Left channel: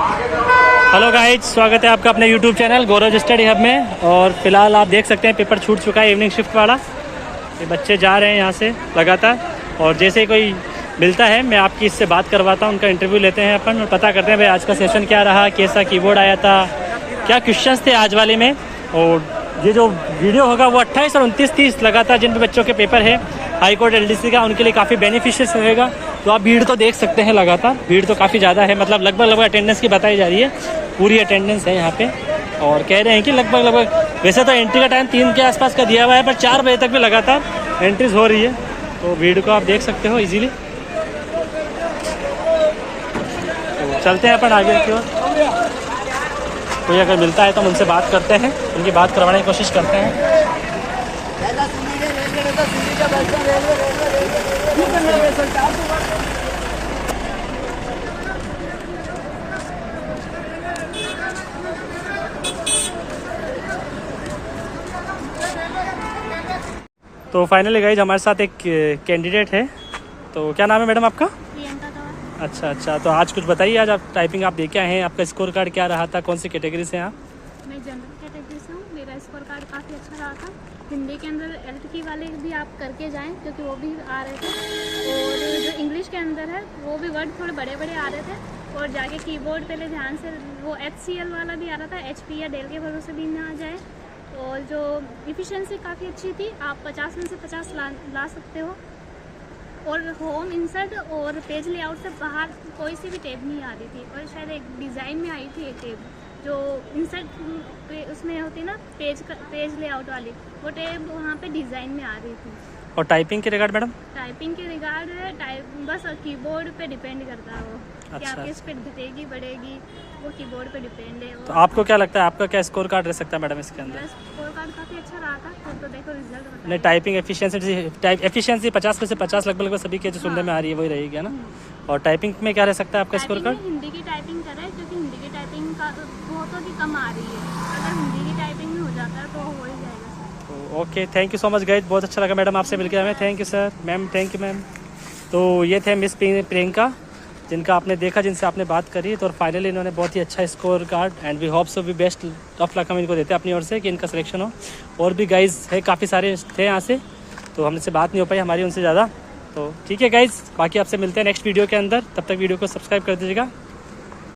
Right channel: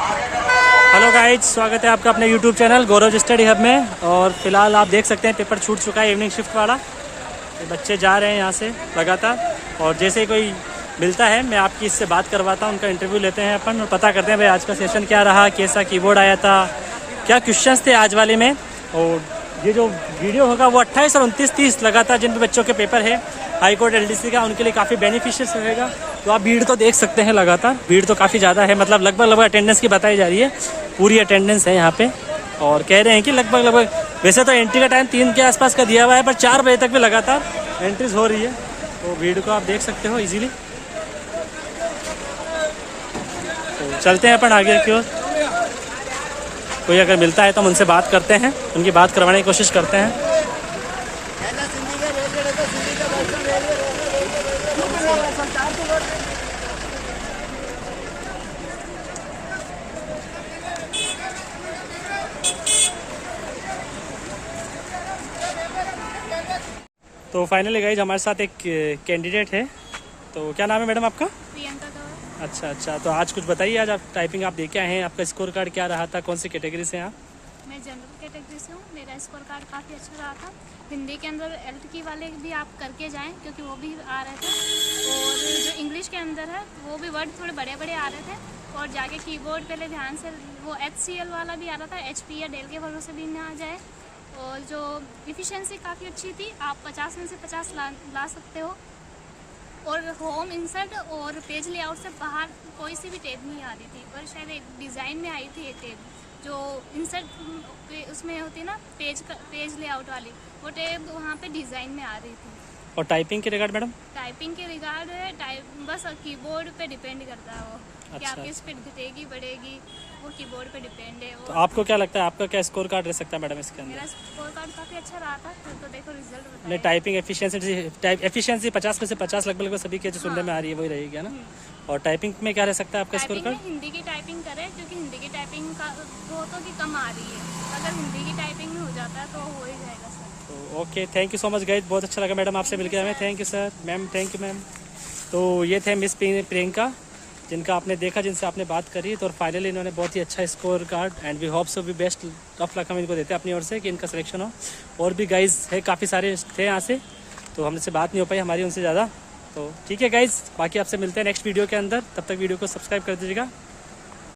Hello guys, स्वागत है आपका अपने यूट्यूब चैनल गौरव स्टडी हब में। और फिलहाल आप देख सकते हैं पेपर छूट चुका है इवनिंग शिफ्ट वाला। ये बच्चे जा रहे हैं यहाँ से लगातार, और जैसे ही कोई मिलता है मैं आपकी इससे बात करवाता हूँ, उनका इंटरव्यू लेते हैं अपन और पता करते हैं भाई आज का सेशन क्या रहा, कैसा कीबोर्ड आया था, क्या क्वेश्चंस थे आज वाले में। और ये जो वीडियो होगा वो 28 और 29-30 लगातार जिन भी बच्चों के पेपर है हाई कोर्ट LDC का, उनके लिए काफ़ी बेनिफिशियल रहेगा। तो आप भीड़ तो देख सकते हैं, लगातार भीड़ तो काफ़ी ज़्यादा है, मतलब लगभग अटेंडेंस की बताई जा रही है, पूरी अटेंडेंस है यहाँ पे। और कह रहे हैं कि लगभग वैसे तो एंट्री का टाइम 3 के आसपास का दिया हुआ है, पर 4 बजे तक भी लगातार एंट्रीज हो रही है। तो भीड़ को आप देख सकते हो इजीली। तो चलते हैं अपन आगे की ओर। कोई अगर मिलता है तो हम उनसे बात करते हैं, उनकी बात करवाने की कोशिश करते हैं। तो फाइनली गाइज हमारे साथ एक कैंडिडेट है। तो क्या नाम है मैडम आपका? अच्छा, तो आज कुछ बताइए, आज आप टाइपिंग आप देखे आए हैं, आपका स्कोर कार्ड क्या रहा था, कौन सी कैटेगरी से हैं आप? मैं जनरल कैटेगरी से हूँ। मेरा स्कोर कार्ड काफ़ी अच्छा रहा था। हिंदी के अंदर LTK वाले भी आप करके जाएं, क्योंकि वो भी आ रहे थे। और जो इंग्लिश के अंदर है वो भी वर्ड थोड़े बड़े बड़े आ रहे थे। और जाके कीबोर्ड पहले ध्यान से, वो HCL वाला भी आ रहा था, HP या डेल के भरोसे भी ना जाए। और जो इफ़िशेंसी काफ़ी अच्छी थी, आप 50 में से 50 ला सकते हो। और होम इंसर्ट और पेज लेआउट से बाहर कोई सी भी टैब नहीं आ रही थी। और शायद एक डिज़ाइन में आई थी एक टैब जो इंसर्ट उसमें होती ना, पेज लेआउट वाली, वो टैब वहाँ पे डिज़ाइन में आ रही थी। और टाइपिंग के रिगार्ड मैडम? टाइपिंग के रिगार्ड बस कीबोर्ड पे डिपेंड करता है वो, कि अच्छा। आपकी स्पीड घटेगी बढ़ेगी, वो कीबोर्ड पे डिपेंड है। तो आपको क्या लगता है आपका क्या स्कोर कार्ड रह सकता है मैडम इसके अंदर? मेरा स्कोर कार्ड काफ़ी अच्छा रहा था। तो देखो रिजल्ट नहीं, टाइपिंग एफिशिएंसी 50 में से 50 लगभग सभी के जो सुनने में आ रही है वही रहेगी, है ना? और टाइपिंग में क्या रह सकता है आपका स्कोर कार्ड? हिंदी की टाइपिंग करें, क्योंकि हिंदी की टाइपिंग का वो तो भी कम आ रही है। अगर हिंदी की टाइपिंग में हो जाता है तो हो ही जाएगा सर। तो okay, thank you so much guys, बहुत अच्छा लगा मैडम आपसे मिलकर हमें। Thank you sir, ma'am, thank you ma'am. तो ये थे मिस प्रियंका, जिनका आपने देखा, जिनसे आपने बात करी। तो फाइनली इन्होंने बहुत ही अच्छा score card, and we hope so भी बेस्ट ऑफ लक हम इनको देते हैं अपनी ओर से कि इनका सिलेक्शन हो। और भी गाइज है, काफ़ी सारे थे यहाँ से, तो हमसे बात नहीं हो पाई हमारी उनसे ज़्यादा। तो ठीक है गाइज, बाकी आपसे मिलते हैं नेक्स्ट वीडियो के अंदर। तब तक वीडियो को सब्सक्राइब कर दीजिएगा।